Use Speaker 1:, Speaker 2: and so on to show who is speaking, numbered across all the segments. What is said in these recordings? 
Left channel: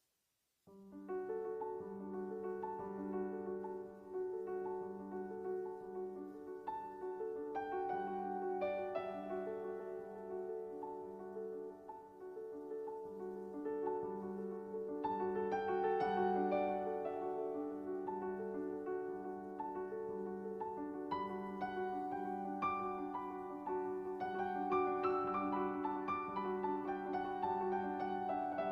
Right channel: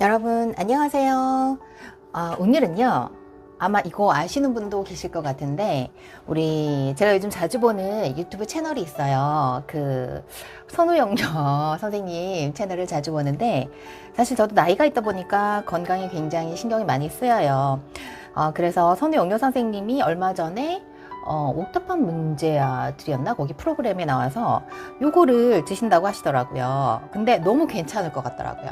Speaker 1: 여러분 안녕하세요. 아, 오늘은요. 아마 이거 아시는 분도 계실 것 같은데 우리 제가 요즘 자주 보는 유튜브 채널이 있어요. 그 선우영녀 선생님 채널을 자주 보는데 사실 저도 나이가 있다 보니까 건강에 굉장히 신경이 많이 쓰여요. 어, 그래서 선우영녀 선생님이 얼마 전에 어, 옥탑방 문제아들이었나 거기 프로그램에 나와서 요거를 드신다고 하시더라고요. 근데 너무 괜찮을 것 같더라고요.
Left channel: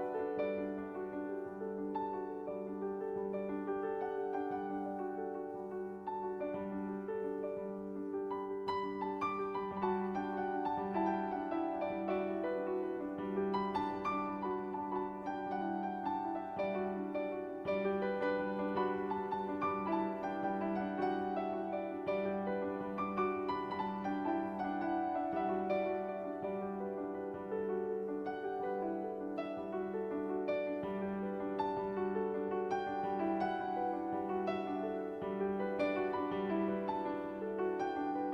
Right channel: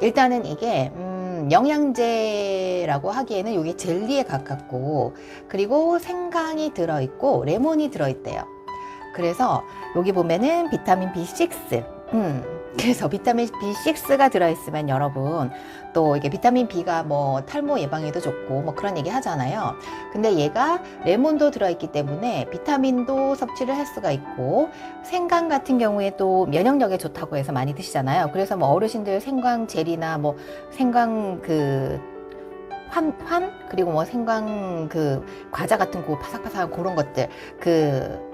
Speaker 1: 일단은 이게 음, 영양제라고 하기에는 이게 젤리에 가깝고 그리고 생강이 들어있고 레몬이 들어있대요. 그래서 여기 보면은 비타민 B6, 음, 그래서 비타민 B6가 들어있으면 여러분 또 이게 비타민 B가 뭐 탈모 예방에도 좋고 뭐 그런 얘기 하잖아요. 근데 얘가 레몬도 들어있기 때문에 비타민도 섭취를 할 수가 있고 생강 같은 경우에 또 면역력에 좋다고 해서 많이 드시잖아요. 그래서 뭐 어르신들 생강 젤이나 뭐 생강 그 환, 환 그리고 뭐 생강 그 과자 같은 거 바삭바삭한 그런 것들 그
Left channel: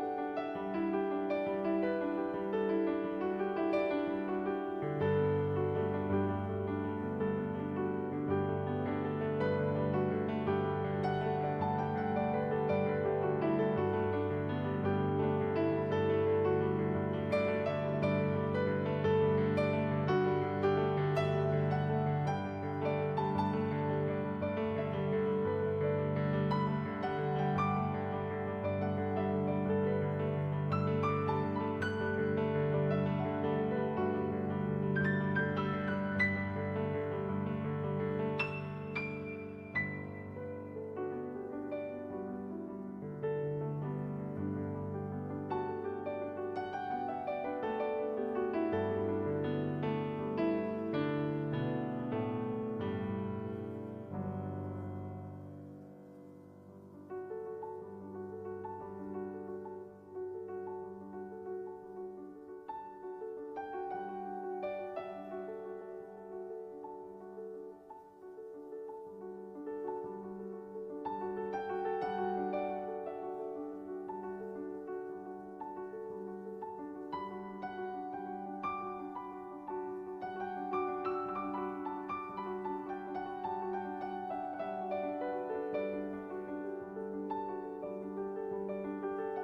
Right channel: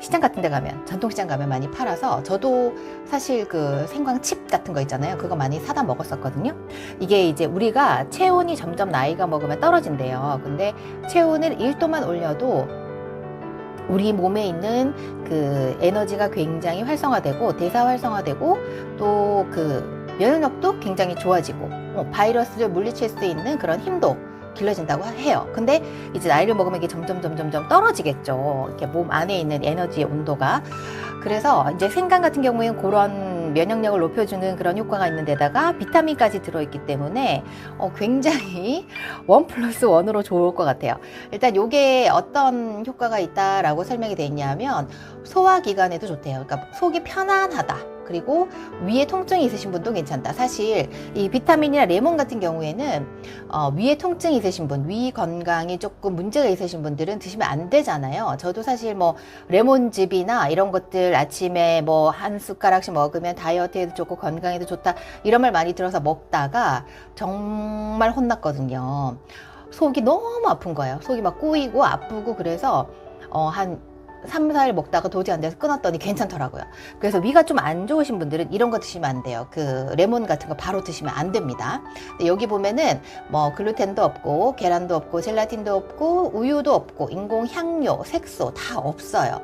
Speaker 1: 시장 같은 데 가면 전통시장 가면 많이 팔아서 저도 사실 그 생강 칩 같은 거 있잖아요. 그거 많이 사다 먹었었거든요. 이게 이제 우리가 체온이 점점 나이가 먹으면 떨어진대요. 근데 체온을 1도만 올려도 우리 몸에 있는 그 에너지가 굉장히 활성화되고 대사 활성화되고 또 그 면역력도 굉장히 좋아지고 어, 바이러스를 물리칠 수 있는 그런 힘도 길러진다고 해요. 근데 이제 나이를 먹으면 이게 점점 점점 점 떨어지겠죠. 이렇게 몸 안에 있는 에너지의 온도가. 그래서 이제 생강 같은 경우에는 그런 면역력을 높여주는 그런 효과가 있는 데다가 비타민까지 들어있기 때문에 어, 굉장히 원 플러스 원으로 좋을 것 같아요. 일단 요게 어떤 효과가 있다라고 설명이 돼 있냐면 소화기관에도 좋대요. 그러니까 속이 편안하다. 그리고 위에 통증이 있으신 분도 괜찮다. 사실 이 비타민이나 레몬 같은 경우에는 어, 위에 통증이 있으신 분, 위 건강이 조금 문제가 있으신 분들은 드시면 안 되잖아요. 저도 사실 뭐 레몬즙이나 이런 것들 아침에 뭐 한 숟가락씩 먹으면 다이어트에도 좋고 건강에도 좋다 이런 말 많이 들어서 먹다가 정말 혼났거든요. 속이 너무 아픈 거예요. 속이 막 꼬이고 아프고 그래서 어, 한 3, 4일 먹다가 도저히 안 돼서 끊었더니 괜찮더라고요. 그래서 위가 좀 안 좋으신 분들은 이런 거 드시면 안 돼요. 그 레몬 같은 거 바로 드시면 안 됩니다. 여기 보면은 뭐 글루텐도 없고 계란도 없고 젤라틴도 없고 우유도 없고 인공 향료, 색소 다 없어요.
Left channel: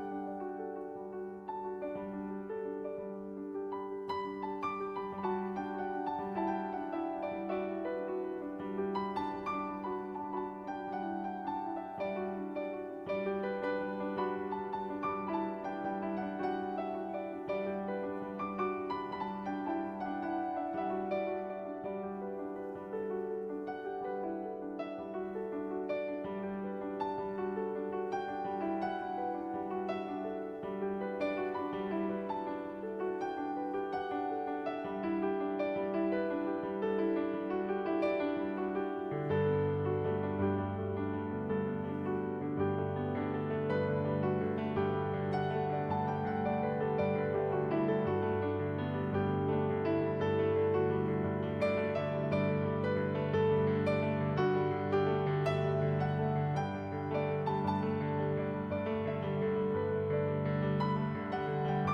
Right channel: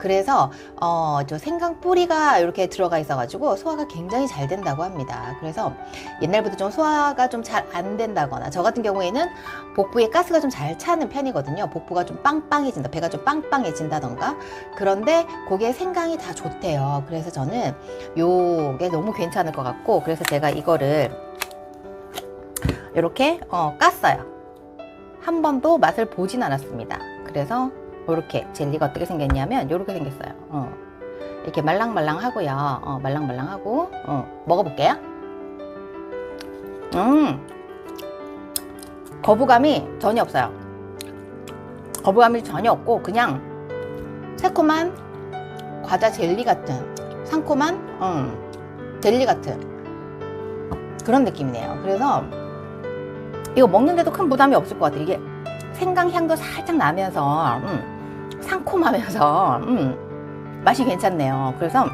Speaker 1: 그래서 어, 저 생강 뿌리가 이렇게 들어가 있어가지고 소화가 굉장히 잘 된다고 합니다. 그래서 옛날부터 좀 소화가 좀 잘 안 된다거나 저 같은 경우에는 복부에 가스가 좀 잘 차는 편이거든요. 복부가 좀 빵빵해진다, 배가 좀 빵빵해진다던가. 그런데 거기에 생강이 다 좋대요. 그래서 저는 요게 너무 괜찮을 것 같고, 그래서 제가 이거를 이렇게 어, 깠어요. 한 번도 맛을 보진 않았습니다. 그래서 이렇게 젤리가 어떻게 생겼냐면 이렇게 생겼어요. 어. 이렇게 말랑말랑하고요. 어, 말랑말랑하고 어, 먹어볼게요. 음, 거부감이 전혀 없어요. 거부감이 전혀 없고 그냥 새콤한 과자 젤리 같은 상콤한 음, 젤리 같은 그런 느낌이네요. 그래서 이거 먹는데도 큰 부담이 없을 것 같아요. 이게 생강 향도 살짝 나면서 음, 상콤하면서 음, 맛이 괜찮네요. 그래서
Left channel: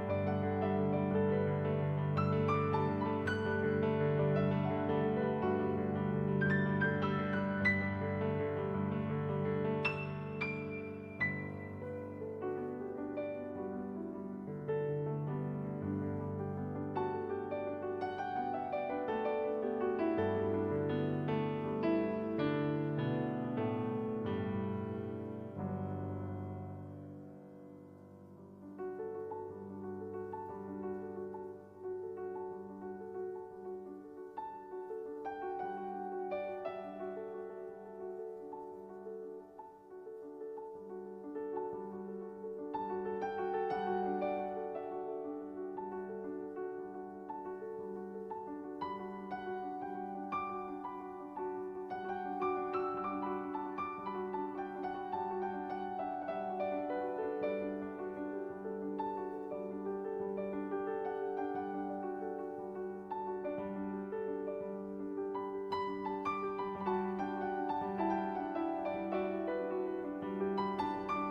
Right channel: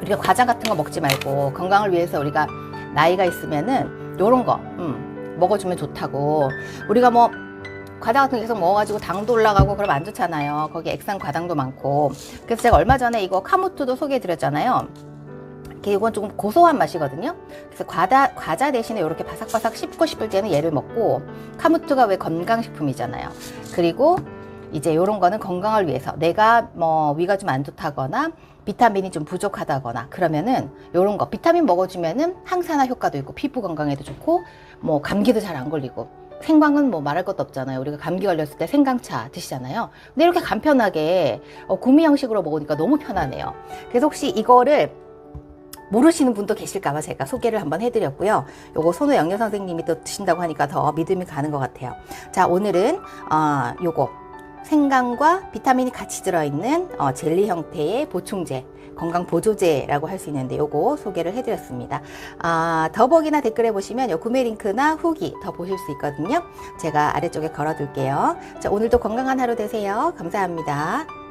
Speaker 1: 우리가 과자 같은 거 먹지 말고 건강을 위해서 우리가 나이가 있으면은 요런 거 음, 먹어주면 좋다고 우리가 뭐 과자 같은 거 계속 먹어가지고 당도 올라가고 그러면 안 좋잖아요. 거기 액상 과당도 많고. 그래서 제가 얼마 전에 이거 카무트도 소개해드렸잖아요. 이건 조금 고소한 맛이거든요. 그래서 과자, 과자 대신에 이렇게 바삭바삭 씹고 싶을 때는 얘를 먹고 카무트가 왜 건강식품이잖아요. 그리고 이제 이런 거는 건강을 위해서 내가 뭐 위가 좀 안 좋다거나 비타민이 좀 부족하다거나 그러면은 이런 거 비타민 먹어주면은 항산화 효과도 있고 피부 건강에도 좋고 뭐 감기도 잘 안 걸리고 생강은 뭐 말할 것도 없잖아요. 우리가 감기 걸렸을 때 생강차 드시잖아요. 근데 이렇게 간편하게 어, 구미 형식으로 먹으니까 너무 편하네요. 그래서 혹시 이거를 모르시는 분도 계실까봐 제가 소개를 한번 해드렸고요. 요거 손호 영녀 선생님이 또 드신다고 하니까 더 믿음이 가는 것 같아요. 자, 오늘은 어, 요거 생강과 비타민이 같이 들어있는 어, 젤리 형태의 보충제. 건강 보조제라고 할 수 있는데 요거 소개를 해드렸습니다. 아, 더보기나 댓글에 보시면 요 구매 링크나 후기 더 보실 수 있거든요. 제가 아래쪽에 걸어둘게요. 자, 오늘도 건강한 하루 되세요. 감사합니다.